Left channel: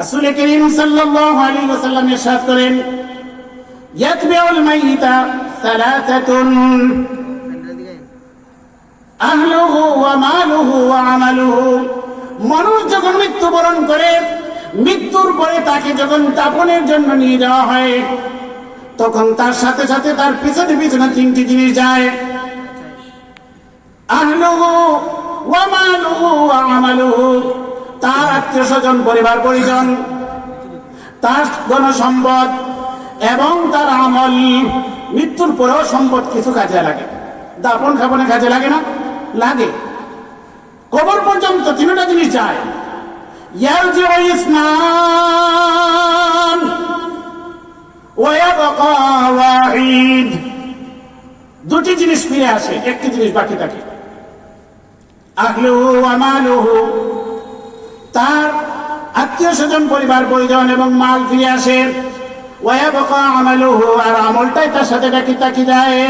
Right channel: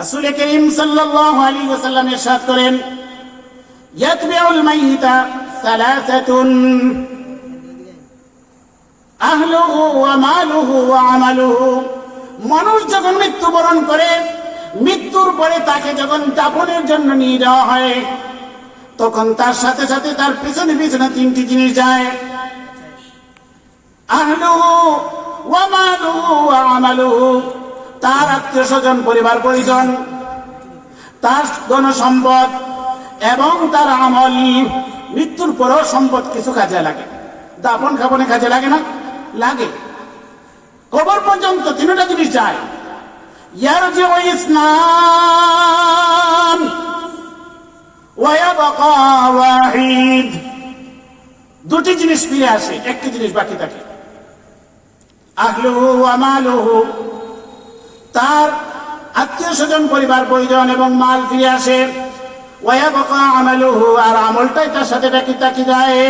রাসূল করিম সাল্লাল্লাহু আলাইহি ওয়াসাল্লাম ইরশাদ করেন, ইয়াতবিউল মাইয়িতা সালাসাতুন। আহলুহু ওয়া মালুহু ওয়া আমালুহু। মানুষ যখন মৃত্যুবরণ করে, মৃত্যুর পরে তাকে যখন দাপনের জন্য নিয়ে যাওয়া হয়, তখন তার সাথে সাথে তার পিছনে পিছনে তিনটি জিনিস যায়। আহলুহু ওয়া মালুহু ওয়া আমালুহু। তার আত্মীয় স্বজন, পরিবার, পরিজন, তার গণসম্পদ এবং তার আমল, মৃত্যুর পরেও সম্পদ কিছু কাজে লাগে। দাপন খাপনে কাজে লাগে না, লাগে। কবর পর্যন্ত তিনটা জিনিস যায়। ইসলাম দুটি জিনিস ফিরে আসে, একটি জিনিস বাকি থাকে। আহলুহু আমালুহু তার আত্মীয় স্বজন, পরিবার, পরিজন এবং মাল ফিরে আসে। ওয়ায়াবকা আমালুহু, আর আমলটাই তার সাথে ব্যক্তি তাকি যায়।